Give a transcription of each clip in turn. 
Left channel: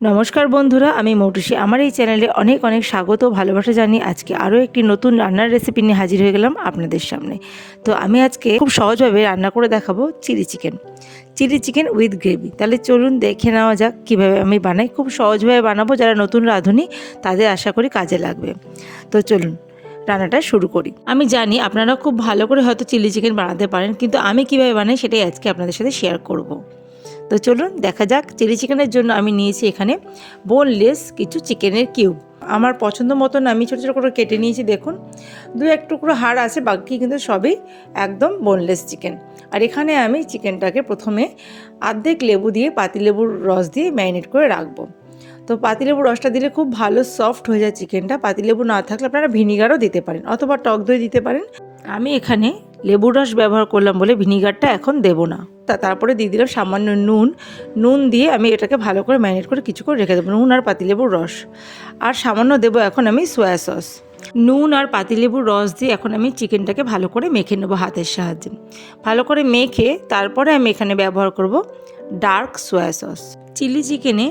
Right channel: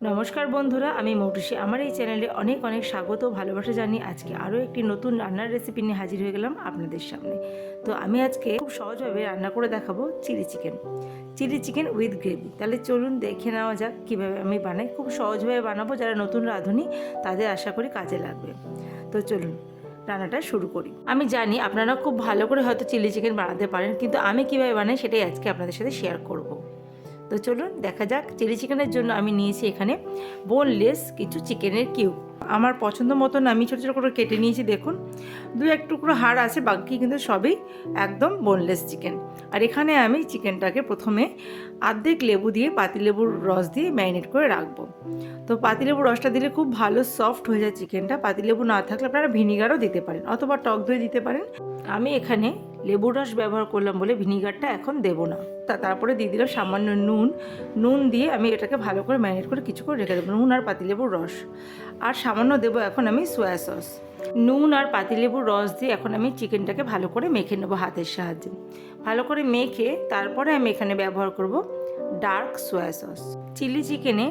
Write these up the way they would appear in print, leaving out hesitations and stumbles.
নমস্কার বন্ধুরা, আমি মৌটুসী। আমার এই চ্যানেলে অনেক অনেক স্বাগত ও ভালোবাসা জানিয়ে আজকে আরও একটি নতুন রান্নার রেসিপি নিয়ে হাজির হয়ে গেলাম আপনাদের সামনে। তো আমি আজকে খুব সহজভাবে রান্না করে দেখাবো চিলি চিকেন উইথ গ্রেভি। তাহলে চলুন দেখে নেওয়া যাক কীভাবে আমি বানাই। খুব সহজভাবে বানাবো, যারা নতুন রাঁধুনি তাদের আশা করি কাজে লাগবে। তো চলুন রান্নাটা শুরু করি। আমি জানি আপনারা খুব ভালো করে হয়তো চিলি চিকেন বানাতে পারেন, কিন্তু আমি কীভাবে বানাই সেটাই আজকে আপনাদের সাথে শেয়ার করব। তো চলুন দেখা যাক। চিলি চিকেনের জন্য আমি নিয়েছি এখানে বোনলেস কিছু চিকেনের কিউব। আমার পছন্দ মতন আমি ছোটো ছোটো করে কেটে নিয়েছি। দেখুন, দু এক টুকরো হাড় আছে, বাকি কিন্তু সবই একদম বোনলেস চিকেন। আর এখানে আমি চিকেনটাকে প্রথমে অর্ধেক লেবু দিয়ে, পাতিলেবুর রস দিয়ে ম্যারিনেট করে রাখবো। তো পাতিলেবুর রসটা দিলে খুব ভালো সফট হয়ে যায় চিকেনটা। পাতিলেবু না থাকলে আপনারা ভিনিগারও দিতে পারেন অথবা টক দই দিতে পারেন। আমি এখানে লেবুর রস ব্যবহার করলাম বলে ভিনিগারটা এখন দেবো না। তারপরে দিয়ে দিলাম সামান্য নুন দিয়ে আমি এটাকে ভালো করে ম্যারিনেট করে কিছুক্ষণ রেখে দেবো। নুন আর পাতিলেবুর রস, আর সামান্য দেবো এখন আমি সয়া সস। নুন আর পাতিলেবুর রস দিয়ে এখন আমি চিকেনটাকে ভালো করে মেখে নেবো হাতের সাহায্যে। ভালো করে মেখে তারপরে আমি এখানে ব্যবহার করব ডার্ক সয়া সস। চিলি চিকেনে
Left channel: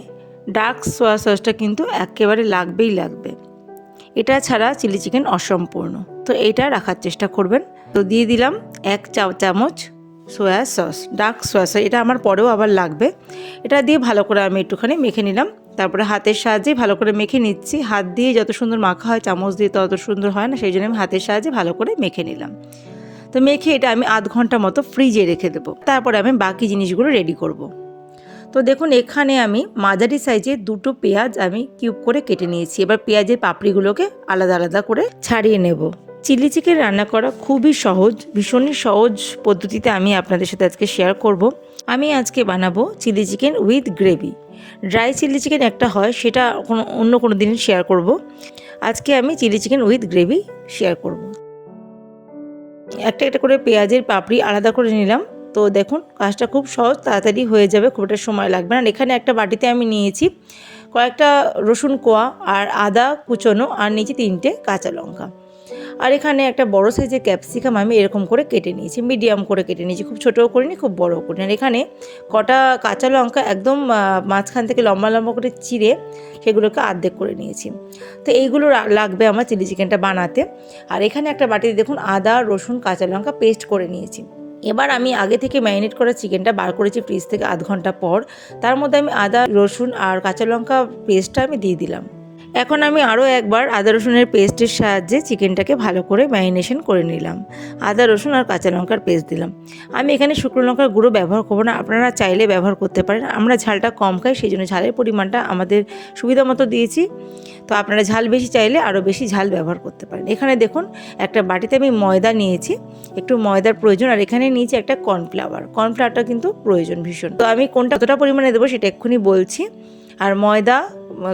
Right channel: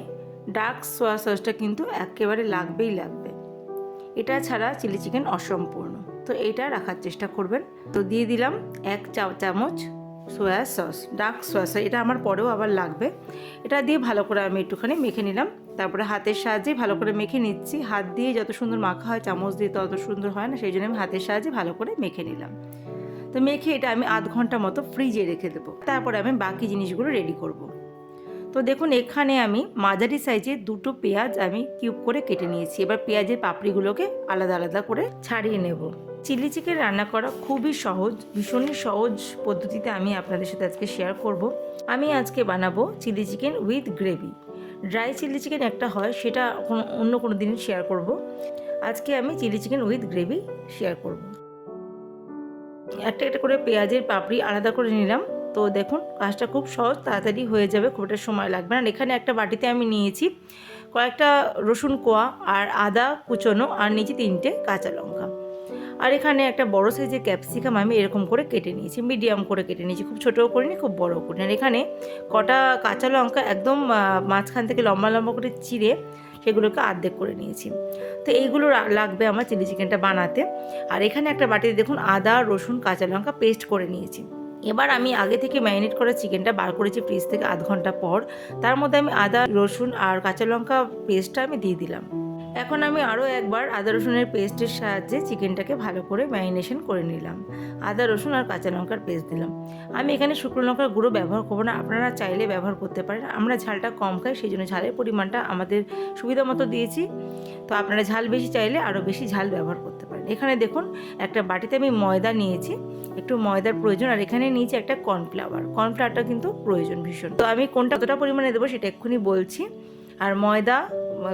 ডার্ক সয়া সসটা কিন্তু একেবারে লাগবেই লাগবে। এটা ছাড়া চিলি চিকেন অসম্পূর্ণ। তো এইটা রাখার চেষ্টা করবেন। তো দিয়ে দিলাম 1 চামচ soya sauce, dark soya sauce. এটা আমার পরেও আবার লাগবে। এটা দিয়ে ভালো করে আমি একটুখানি মেখে নিলাম। তারপরে হাতের সাহায্যে ভালো করে মেখে নিচ্ছি। হাত দিয়ে যত সুন্দর মাখা হয়, চামচ দিয়ে তত সুন্দর হয় না, সেই জন্য আমি হাতের সাহায্যে ভালো করে মেখে নিলাম। তো মেখে এটা আমি আধ ঘন্টা মতো ফ্রিজে রেখে দেবো। তারপরে আমি বাকি জিনিসগুলো রেডি করব। তো দেখুন, এখানে আমি মাঝারি সাইজের 2টো পেঁয়াজ আমি কিউব করে কেটে নিয়েছি। এবার পেঁয়াজের পাপড়িগুলোকে আলাদা আলাদা করে ছাড়িয়ে নেব। চিলি চিকেন রান্না করা খুবই সহজ, ভীষণই সহজ পদ্ধতিতে আমি আপনাদের সাথে আজকে শেয়ার করব। আমি আজকে বানাবো chilli chicken with gravy. Dry chilli chicken একটা হয়, সেটা অন্য কোনো দিন শেয়ার করব। আজকে আমি chilli chicken with gravy share করব। একটা একটা করে পেঁয়াজের পাপড়ি আলাদা করে নিলাম। তো দেখুন, কাজটা খুব সহজ, তাড়াতাড়ি হয়ে যাবে, খুব একটা সময় লাগবে না। এখানে একটা বাটিতে আমি নিয়েছি কয়েকটা রসুন কোয়া আর আদা কুচোনো, আর নিয়েছি 3টে কাঁচা লঙ্কা। আর এখানে একটা বড় সাইজের ক্যাপসিকাম আমি এরকম করে কেটে নিয়েছি, মিডিয়াম করে কেটে নিয়েছি, খুব ছোটোও করিনি খুব বড়ও করিনি। আর এখানে কটা কাঁচা লঙ্কা একদম মাঝখান থেকে লম্বা লম্বা করে চিড়ে সেগুলোকে অর্ধেক করে নিয়েছি। তো এইগুলো লাগবে আমার চিলি চিকেনটা বানাতে। আর এখানে একটা বাটিতে দেখুন আদা রসুন কাঁচা লঙ্কা পেস্ট করে নিয়েছি। এবার আমি আগে থেকে ম্যারিনেট করা চিকেনটা বার করেছি ফ্রিজ থেকে আধ ঘন্টা পর। তার মধ্যে আমি আদা রসুন আর কাঁচা লঙ্কা পেস্টটা আমি দিয়ে দিলাম। এখন আমি আরও একবার আদা রসুনের পেস্টের সাহায্যে চিকেনটাকে ভালো করে ম্যারিনেশন করে নিলাম। আদা রসুন আর কাঁচা লঙ্কার পেস্ট দিলাম। আমি এখানে শুকনো লঙ্কার গুঁড়ো ব্যবহার করবো না, আপনারা চাইলে ব্যবহার করতে পারেন। আমরা ঝালটা কম খাই, সেই জন্য ঝালের পরিমাণটা আমাদের সুবিধা মতো দিয়েছি। তো আপনারা ঝাল বেশি চাইলে আরও বেশি ঝাল ব্যবহার করতে পারেন। এখানে দেখুন একটা বাটিতে আমি ময়দা নিয়েছি, একটু ময়দার প্রয়োজন। আর এখানে নিয়েছি একটা কর্নফ্লাওয়ারটা কিন্তু প্রয়োজন ভীষণ। তো আমি কোনটা কতটা পরিমাণে দেবো সেটা এক্ষুনি বলছি। আর ময়দা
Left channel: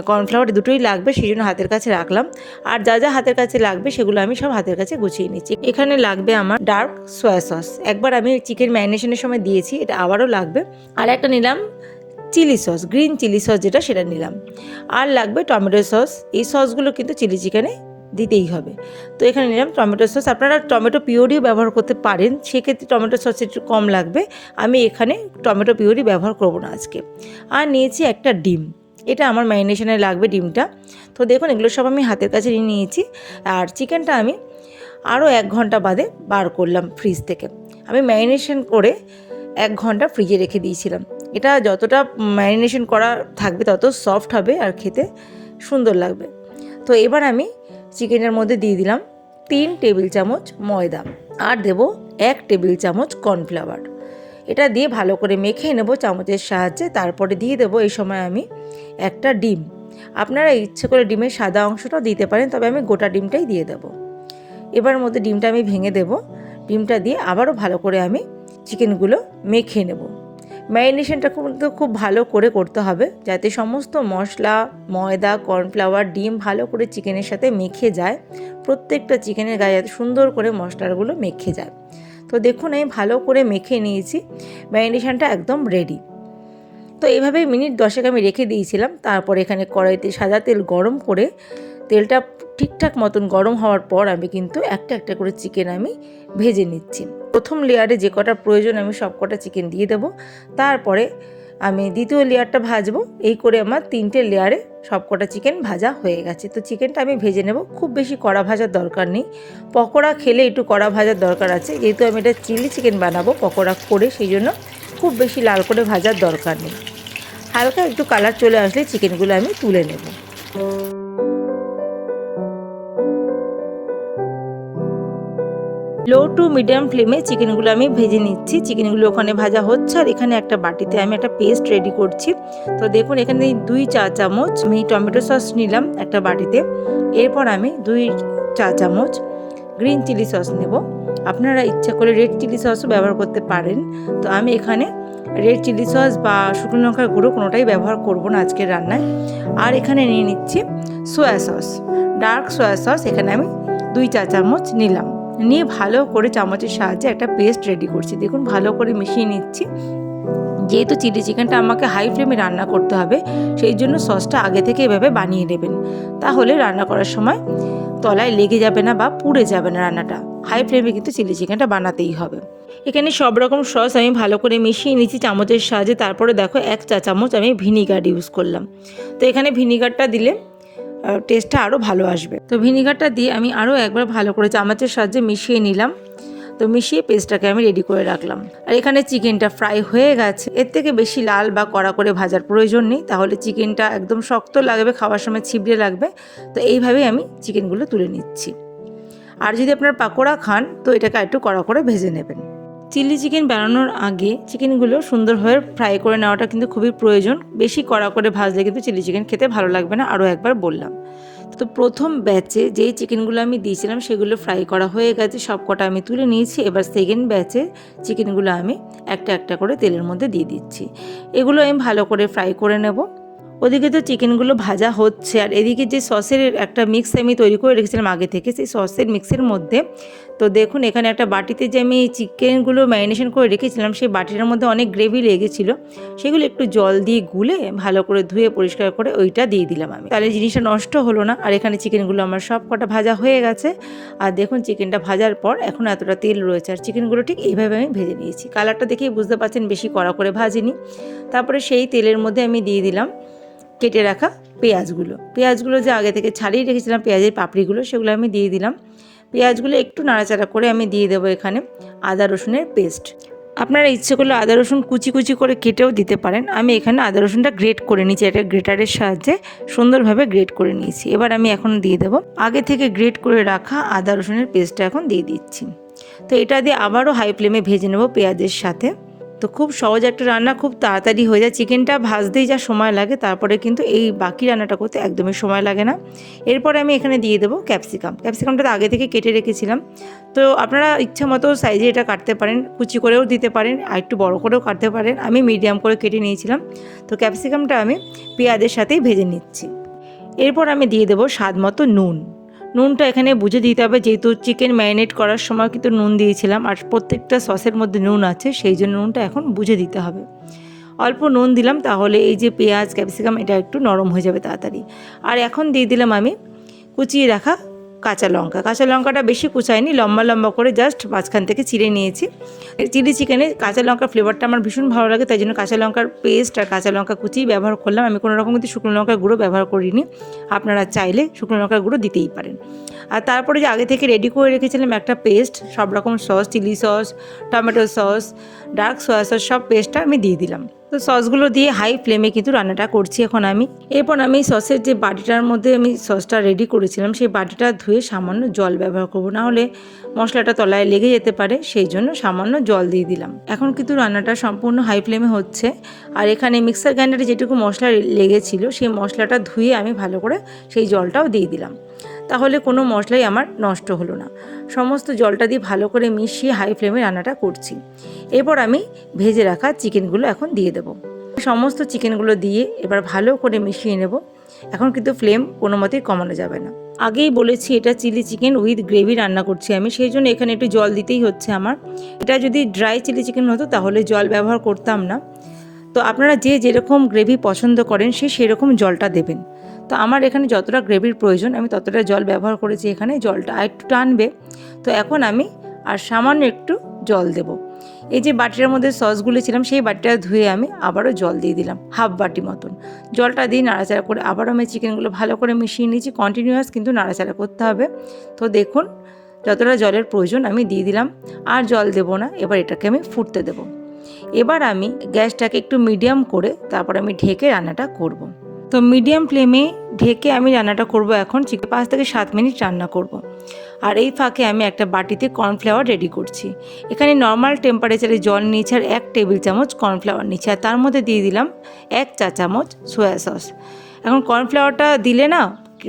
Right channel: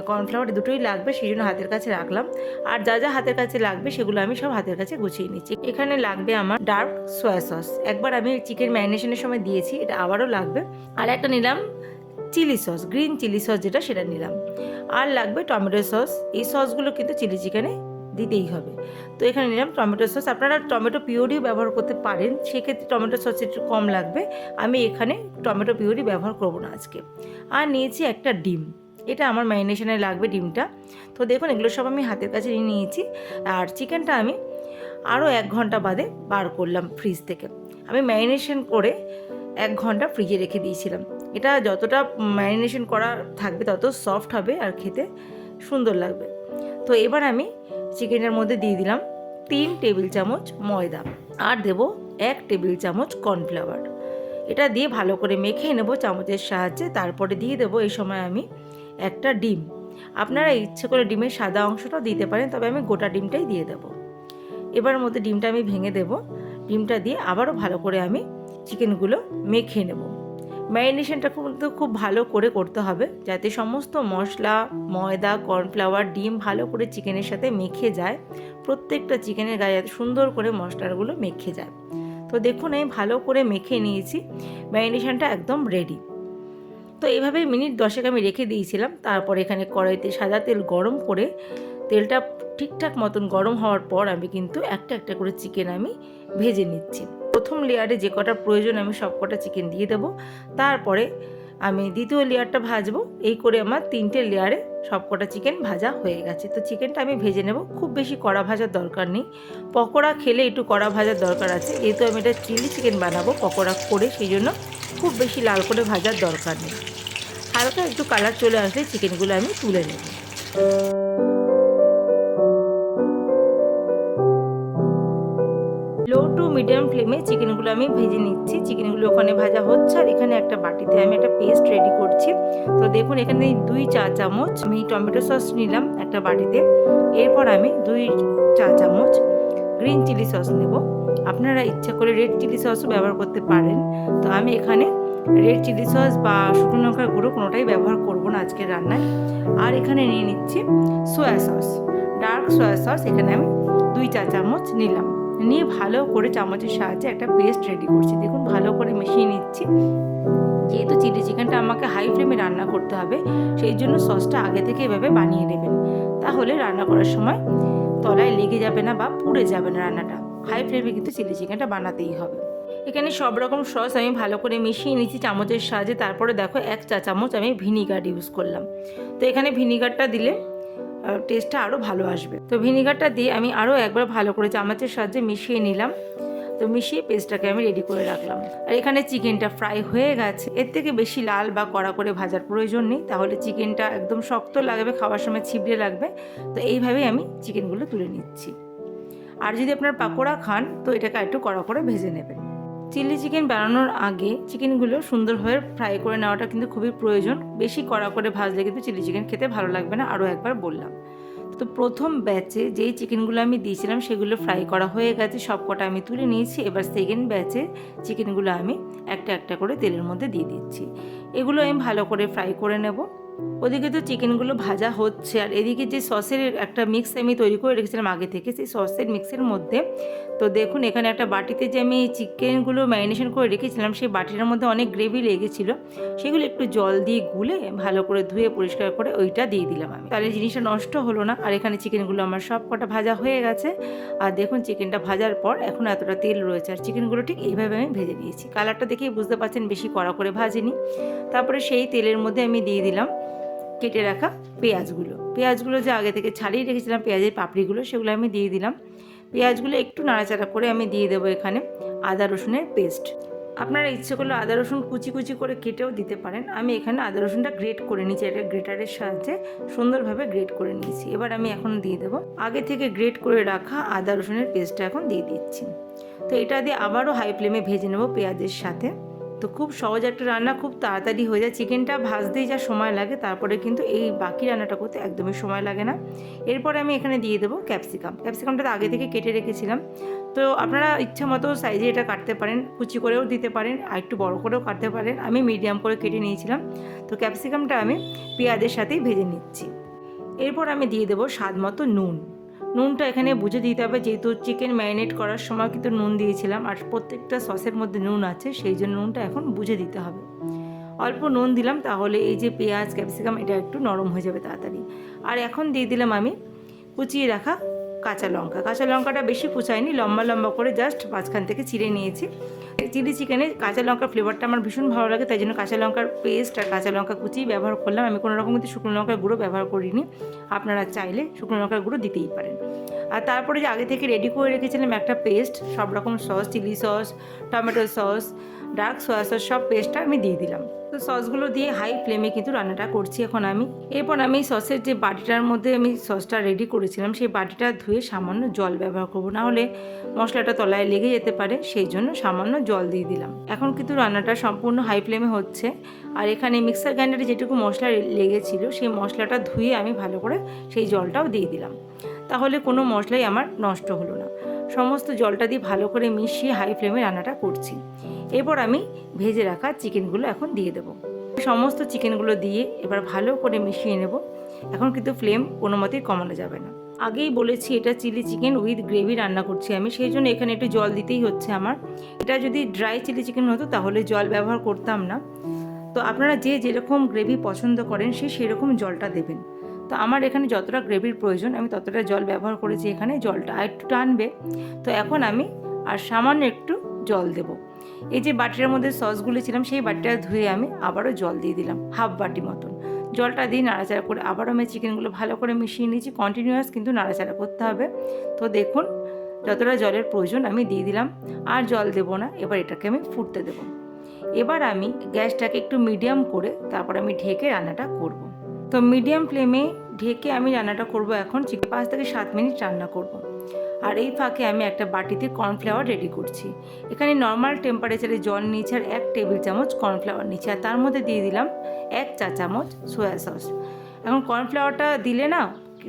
কর্নফ্লাওয়ার দুটোই লাগবে, সেই জন্য হাতের কাছে রাখলাম। আর যা যা হাতের কাছে লাগবে সেগুলো আমি সব হাতের কাছে গুছিয়ে নিচ্ছি। এখানে লাগবে আমার ডার্ক সয়া সস, একবার আমি চিকেন ম্যারিনেশনের সময় দিয়েছি, এটা আবারও লাগবে। আর একটা নিলাম chilli sauce, green chilli sauce যেটা, সেটা নিলাম। আর লাগবে টমেটো সস। এই সসগুলো কিন্তু চিলি চিকেনে দিতেই হবে। তো এখানে নিলাম টমেটো সস। আপনারা টমেটো পিউরিও ব্যবহার করতে পারেন, সেক্ষেত্রে টমেটো সস একটু কম লাগবে। আমি এখানে টমেটো পিউরি ব্যবহার করব না আজকে। আর নিয়েছি একটা ডিম, এটা আমার ম্যারিনেশনে লাগবে ডিমটা। তো দেখুন, এগুলো সব আমি হাতের কাছে নিয়ে নিয়েছি। আর চিকেনটা আমি আরও 1 ঘন্টা বাদে বার করলাম ফ্রিজ থেকে। আমি ম্যারিনেশন করে 1 ঘন্টা ফ্রিজে রেখে দিয়েছিলাম। এটা যতটা ম্যারিনেশন করা থাকবে তত সফট হবে আর খেতে সুন্দর লাগবে। তো এবার আমি চিকেনের মধ্যে দিয়ে দিলাম 3 টেবিল চামচ ময়দা, আর দেব 1 টেবিল চামচ কর্নফ্লাওয়ার। এটা দিয়ে ভালো করে মেখে নেব চামচের সাহায্যে। তারপরে দিয়ে দেবো এই সময় আমি একটা ডিম। আপনারা ইচ্ছে করে ডিমের সাদা অংশটাও দিতে পারেন, তবে আমি গোটা ডিমটাই দিয়ে দেবো। এবার মধ্যে ডিমটা আমি ভেঙে দেব। ডিমটা দিয়ে আবারও ভালো করে আমি চিকেনগুলো মেখে নেব। ম্যারিনেশনটা কিন্তু খুব ভালো করে করতে হবে, যাতে সমস্ত মশলা, ময়দা, কর্নফ্লাওয়ার, ডিম ভালো করে চিকেনের সাথে মেখে যায়। প্রত্যেকটা চিকেনের গায়ে যাতে সুন্দর করে মশলাগুলো মেখে যায়। তো দেখুন, আমি ভালো করে মেখে নিয়েছি, ম্যারিনেশনটা একদম রেডি। তো এইভাবেই মিনিট 10 আমি রেখে দিয়েছিলাম। তারপর এখানে কড়াইতে সাদা তেল গরম করে, তেলটা ঠিকঠাক মতন গরম হওয়ার পর আমি কিন্তু একটা একটা করে চিকেন আমি ভেজে নিচ্ছি। প্রথম লেয়ারে যে কটা প্রয়োজন আমি সব কটা চিকেন দিয়ে দেবো। তারপরে আমি দ্বিতীয় লেয়ারটা ভাজবো। এই করে আমার 3টে লেয়ারে সবকটা চিকেন ভাজা হয়ে গেছে। তো চিকেনটা আমি ভেজে নেব, খুব বেশি কড়া ভাজার দরকার নেই। পকোড়া খেলে একটু কড়া ভাজার দরকার আছে, যেহেতু আমি এটা চিলি চিকেন বানাবো পকোড়া করে, সেই জন্য খুব বেশি লাল করে ভাজার দরকার নেই। হালকা একটু কালার চলে আসলে চিকেনগুলো আমি তুলে নেব। লো টু মিডিয়াম ফ্লেমে চিকেনগুলো আমি ভেজে নিচ্ছি। চিকেনগুলো ওখানে ভাজা হচ্ছে, আর এখানে একটা বাটিতে আমি একটা পেস্ট রেডি করছি। তো দেখুন এখানে 2 চা চামচ আমি টমেটো সস নিলাম একটা বাটিতে। এরপর আমি 2 চা চামচ গ্রিন চিলি সস নেব। আপনারা ইচ্ছা করে রেড চিলি সসও ব্যবহার করতে পারেন। তো আমি এখানে রেড চিলি সস বা শুকনো লঙ্কার গুঁড়ো কোনোটাই ব্যবহার করব না আজকের রান্নায়। আর এখানে নিয়ে নিচ্ছি সোয়া সস, ডার্ক সোয়া সস। এখানে আমি 2 চা চামচ নিলাম, নিয়ে ভালো করে চামচের সাহায্যে একটা পেস্ট রেডি করছি। দেখুন ভালো করে মিশিয়ে নিচ্ছি। যেহেতু চিলি চিকেনটা আমাকে হাই ফ্লেমে রান্না করতে হবে, সেই জন্য সসটা আগে থেকে এভাবে বানিয়ে নেবেন, তাহলে রান্না করার সময় তলায় লেগে যাবে না বা পুড়ে যাবে না রান্নাটা। হাই ফ্লেমে কিন্তু চিলি চিকেনটা বানাতেই হবে। এখানে সব রকম সস আমি ভালো করে মিশিয়ে নিচ্ছি চামচের সাহায্যে। তারপরে দেখো 1 চা চামচ আমি ভিনিগার ইউজ করলাম। তো এখানে ভিনিগারটা দিলে টেস্টটা আরও ভালো আসবে। তো ভিনিগারটা দিয়ে আমি আরও একবার ভালো করে চামচের সাহায্যে মিশিয়ে নিলাম। তো মিশিয়ে পেস্টটাকে আমি রেডি করে রাখলাম। আর এখানে চিকেনটা ফ্রাই হয়ে গেছে। এর থেকে বেশি লাল বা কড়া করে ভাজার প্রয়োজন নেই, তাহলে চিকেনটা একদম শক্ত লাগবে, খাওয়ার সময় ছিবড়ে লাগবে। তো এইভাবেই আমি চিকেনগুলো তুলে নিচ্ছি। আর যদি আপনার পাকোড়া খান তো এটাকে একটু কড়া করে ভেজে নেবেন। চিলি চিকেন বানানোর আগে চিকেনগুলো সুন্দরভাবে ফ্রাই করে নেওয়াটা কিন্তু খুবই প্রয়োজন। বেশি কড়া করে ভাজলে কিন্তু চিলি চিকেন খেতে ভালো লাগবে না, আরও একবার বললাম। তো প্রথম ব্যাচে যেই চিকেনগুলো আমি দিয়েছিলাম সেগুলো ফ্রাই করা হয়ে গেছে, সব কটা আমি তুলে নিয়েছি। এবার সেকেন্ড ব্যাচে চিকেনগুলো আমি একটা একটা করে তেলের মধ্যে দিয়ে দিচ্ছি। এগুলো আমি ভালো করে ফ্রাই করে নেব। ওদিকে তো চিকেনগুলো ভাজা হচ্ছে, আর এদিকে যে সসের একটা মিক্স আমি তৈরি করে রেখেছিলাম আগে থেকে, সেই সসের মিক্সের মধ্যে তো দেখুন এখানে একটা বাটিতে যে আমি চিকেনগুলো ম্যারিনেশন করে রেখেছিলাম, সেই বাটিটার মধ্যে অনেক গ্রেভি লেগেছিল। সেগুলো একটু জল দিয়ে গুলে ভালো করে ধুয়ে পরিষ্কার করে ওইটা দিয়ে দিলাম আমি, তাহলে জিনিসটা নষ্ট হলো না। আর এখানে চিকেনগুলো আমার সব কটা ভাজা হয়ে গেছে। আর দেখুন চিকেনটা ভাজার পর এখন এতটা তেল রয়েছে, আর চিকেনগুলো ঠিক এইভাবে আমি ভেজে নিয়েছি। কালারটা দেখেই বুঝতে পারছেন বেশি কড়া করে ভাজিনি। তারপরে সেই তেলের মধ্যে আমি দিয়ে দিলাম কেটে রাখা পেঁয়াজগুলো যে আগে থেকে ছাড়িয়ে রেখেছিলাম, পেঁয়াজের পাপড়িগুলো, সেগুলো আমি দিয়ে দিলাম। পেঁয়াজগুলো একটু নাড়াচাড়া করে আমি দিয়ে দেবো এখানে আদা রসুনের পেস্ট। আপনারা ইচ্ছে করলে আদা রসুন কুচি কুচি করে কেটেও দিতে পারেন। আমি এখানে আদা রসুনটা গ্রেট করে নিয়েছি, এটা গ্রেটারের সাহায্যে সুন্দরভাবে গ্রেট করে নিয়েছি। এবার আমি এখন দিয়ে দেবো আগে থেকে গ্রেট করে রাখা আদা রসুনের পেস্টটা এখন দিয়ে দিচ্ছি। তো এটা দিয়ে আবারও হাই ফ্লেমে ভেজে নেব পেঁয়াজের সাথে। তো খুব সহজ একটা রান্না, খুব তাড়াতাড়ি হয়ে যায়। চিকেনটা ভাজতেই যা সময় লাগে, তারপরে কিন্তু এই বাকি রান্নাটা করতে একদমই সময় লাগে না। এরপরে আমি এখানে দিয়ে দেবো ক্যাপসিকামটা আগে থেকে কেটে রেখেছিলাম। তো আপনারা ইচ্ছা মতো সাইজে এটা কাটতে পারেন, কুচি করেও দিতে পারেন, আর একটু বড় করেও কাটতে পারেন। আমি মিডিয়াম করে কেটে নিয়েছিলাম। তো ক্যাপসিকামটা আমি পেঁয়াজের সাথেই ভেজে নিচ্ছি। এরপর আমি দিয়ে দেবো স্বাদ মতো নুনটা এখানে বুঝে দিতে হবে, যেহেতু চিকেন ম্যারিনেট করার সময় কিন্তু নুন দিয়েছিলাম, আর প্রত্যেকটা সসের মধ্যে নুন আছে, সেই জন্য নুনটা এখন বুঝে দিতে হবে। অল্প নুন দিলাম, তাহলে এই যে পেঁয়াজ ক্যাপসিকাম এটা একটু নরম হয়ে যাবে তাড়াতাড়ি। আর এখন দিয়ে দিলাম আমি কুচিয়ে রাখা কাঁচা লঙ্কাটা বেশি কুচাইনি, লম্বা লম্বা করে জাস্ট মাঝখান থেকে চিড়ে নিয়েছি। চিলি চিকেনে কাঁচা লঙ্কার ফ্লেভারটা আমার ভীষণ ভালো লাগে, তাই জন্য কাঁচা লঙ্কার পেস্ট আর কাঁচা লঙ্কা কুচি ব্যবহার করলাম। আমি কোনো রকম কিন্তু শুকনো লঙ্কার গুঁড়ো ব্যবহার করিনি, আপনারা চাইলে শুকনো লঙ্কার গুঁড়ো দিতেই পারেন। আর তারপরে যে আগে থেকে রেডি করে রেখেছিলাম একটা পেস্ট, সব রকম sauce, chilli sauce, tomato sauce, dark soya sauce, সব পেস্টটা আমি দিয়ে দিলাম। তো সসগুলো দিয়ে হাই ফ্লেমে কিন্তু রান্নাটা করছি এখন আমি। এরপর আমি সসের যে বাটিটার মধ্যে আমি সসটা রেডি করেছিলাম, সেই বাটিটা ধুয়ে সামান্য জল ব্যবহার করবো, না হলে মশলাটা তলায় লেগে যেতে পারে, সেই জন্য সামান্য জল দিয়ে দিলাম। এখন কিন্তু রান্নাটা সম্পূর্ণ হাই ফ্লেমে হচ্ছে। আর এখানে মিক্সার গ্রাইন্ডারে যেটুকু মশলা লেগেছিল, সেই মশলাটা ধুয়ে আমি ভালো করে সেই জলটাও দিয়ে দিলাম, তাহলে কোনো মশলাই আমার নষ্ট হলো না। সমস্ত জলটা দিয়ে ভালো করে মিশিয়ে হাই ফ্লেমে রান্নাটা করছি। এরপর আমি ভেজে রাখা চিকেনগুলো এখন দিয়ে দেবো। সমস্ত চিকেনগুলো দিয়ে এবার ভালো করে মিশিয়ে নেব। এখন কিন্তু ফ্লেম কোনো মতেই কমানো যাবে না। আগেই বলেছি এটা চিলি চিকেন উইথ গ্রেভি রান্না করছি আমি, সেই জন্য এখানে একটু জল দিতেই হচ্ছে আমার। এটা যদি ড্রাই চিলি চিকেন হতো তাহলে জল ব্যবহার করতাম না। তো আপনারা যে যেরকম গ্রেভি পছন্দ করেন সেরকম জলটা দেবেন। তো আমার এখানে যতটা গ্রেভির প্রয়োজন আমি ততটা জল ব্যবহার করেছি, এখানে জলটা একটু টানবে। তো এখন আমি আর সামান্য একটু জল দেব। এই যে বাটিটার মধ্যে সসগুলো ছিলাম সেই বাটিটা ধুয়ে আমি আবারও জল দিয়ে দিলাম, হাফ বাটি মতন। জলটা দিয়ে নাড়াচাড়া করে আবারও আমি চিকেনগুলো ভালো করে মিশিয়ে নিয়েছি। কন্টিনিউয়াস কিন্তু নাড়াচাড়া করতে হবে। তো দেখুন যতটা জলের প্রয়োজন আমি দিয়ে দিলাম, আর জল দেবো না। এবার এটাকে আমি ফুটতে দেবো। এবার আমি গ্যাসটাকে একটু মিডিয়াম করে তারপর আমি ঢেকে রান্নাটা করব। তো মিডিয়াম ফ্লেমে ঢেকে আমি রান্নাটা করব। এখন 5 থেকে 7 মিনিট রান্না করব। আর এই ফাঁকে আমি একটা বাটিতে কর্নফ্লাওয়ার রেডি করছি। এখানে নর্মাল টেম্পারেচারে জল নিয়েছি আর 1 টেবিল চামচ কর্নফ্লাওয়ার নিয়েছি, আর তার মধ্যে দিয়ে দিলাম 1 চা চামচ সয়া সস। এখন কর্নফ্লাওয়ারটা দিলে না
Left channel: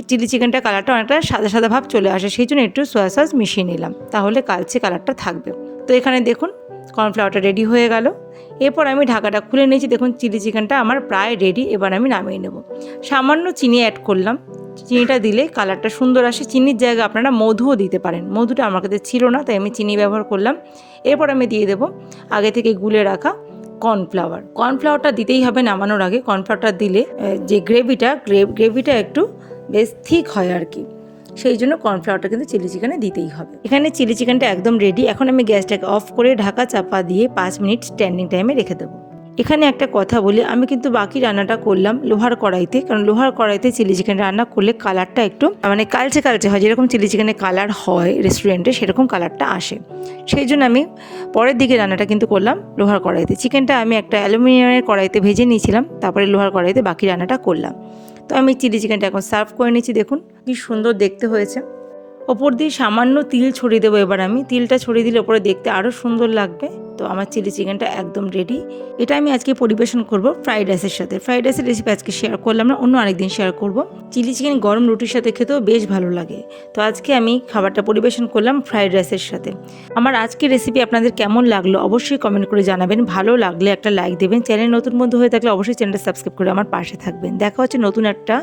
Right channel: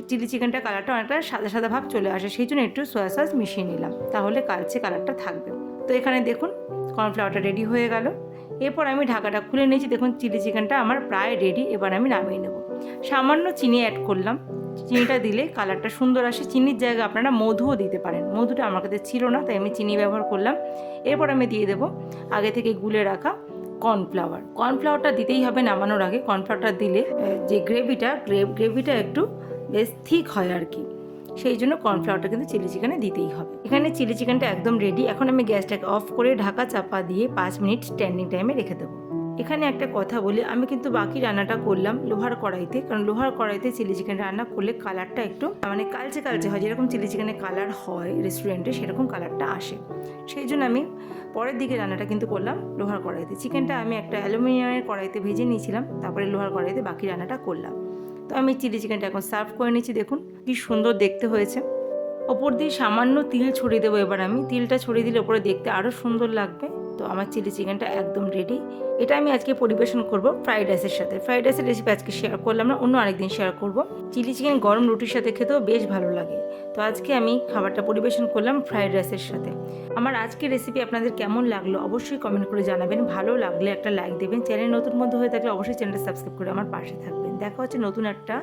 চিলি চিকেনটা কালারটা অনেকটা সাদা সাদা ভাব চলে আসে, সেই জন্য একটু সয়া সস মিশিয়ে নিলাম, তাহলে কালচে কালারটা থাকবে। তো এখানে দেখুন কর্নফ্লাওয়ারটা রেডি হয়ে গেল। এরপর আমি ঢাকাটা খুলে নিয়েছি। দেখুন চিলি চিকেনটা আমার প্রায় রেডি। এবার আমি নামিয়ে নেব। সামান্য চিনি অ্যাড করলাম, চিনিটা দিলে কালারটা সুন্দর আসে। চিনির জায়গায় আপনারা মধুও দিতে পারেন, মধুটা আমার কাছে ছিল না তাই আমি চিনি ব্যবহার করলাম। এরপর আমি দিয়ে দেবো আগে থেকে গুলে রাখা কর্নফ্লাওয়ারটা দিতেই হবে নামানোর আগে। কর্নফ্লাওয়ারটা দিলে যে গ্রেভিটা একটু বেশ থিক হয় আর কি, সেই জন্য কর্নফ্লাওয়ারটা কিন্তু চিলি চিকেনে দিতেই হবে। এখানে চিলি চিকেনটা একদম রেডি। এখন আমি গ্যাসটাকে অফ করে ঢাকা চাপা দিয়ে 5 মিনিট স্ট্যান্ডিং টাইমে রেখে দেবো। এখানে একটা কথা বলি, আমি কিন্তু বাকি রান্নাটা করলাম লোহার কড়াইতে, কারণ লোহার কড়াইতে চিলি চিকেন রান্না করলে কালারটা একটু মানে কালচে কালচে হয়, যেরকম চিলি চিকেনের কালার হয় রেস্টুরেন্টে সেরকম কালারটা আসে। সেই জন্য আমি পরের দিকে রান্নাটা কিন্তু করলাম লোহার কড়াইতে। চিকেনটা আমি একটা অ্যালুমিনিয়ামের কড়াইতে ভেজে নিয়েছিলাম, তারপরে লোহার কড়াইতে বাকি রান্নাটা করলাম। তো আমি চিলি চিকেনটা এখন সার্ভ করে নিচ্ছি। দেখুন কি সুন্দর দেখতে হয়েছে। ওপর দিয়ে সামান্য তিল ছড়িয়ে দেবো। এবার আমি তিলটা ছড়িয়ে দিলে ওপরে দেখতে আরও সুন্দর লাগবে। তো আমার চিলি চিকেনটা একদম রেডি। এটা আমি আজকে পরিবেশন করব ফ্রাইড রাইসের সাথে। ফ্রাইড রাইসের রেসিপি আজকে শেয়ার করলাম না, অন্য আরেকদিন শেয়ার করব। চিলি চিকেন গরম রুটির সাথে খেতেও বেশ ভালো লাগে। তো আজকে আমি খাবারটা পরিবেশন করলাম ফ্রাইড রাইসের সাথে। আমার আজকের রেসিপি আপনাদের কেমন লাগলো অবশ্যই কমেন্ট করে জানাবেন। ভালো লাগলে একটা লাইক দেবেন। চ্যানেল নতুন বন্ধু হয়ে থাকলে অবশ্যই চ্যানেলটা সাবস্ক্রাইব করে আমার পাশে থাকবেন। দেখা হচ্ছে নতুন একটা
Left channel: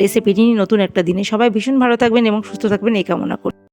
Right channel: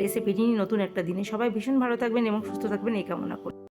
রেসিপি নিয়ে নতুন একটা দিনে। সবাই ভীষণ ভালো থাকবেন এবং সুস্থ থাকবেন এই কামনা করি।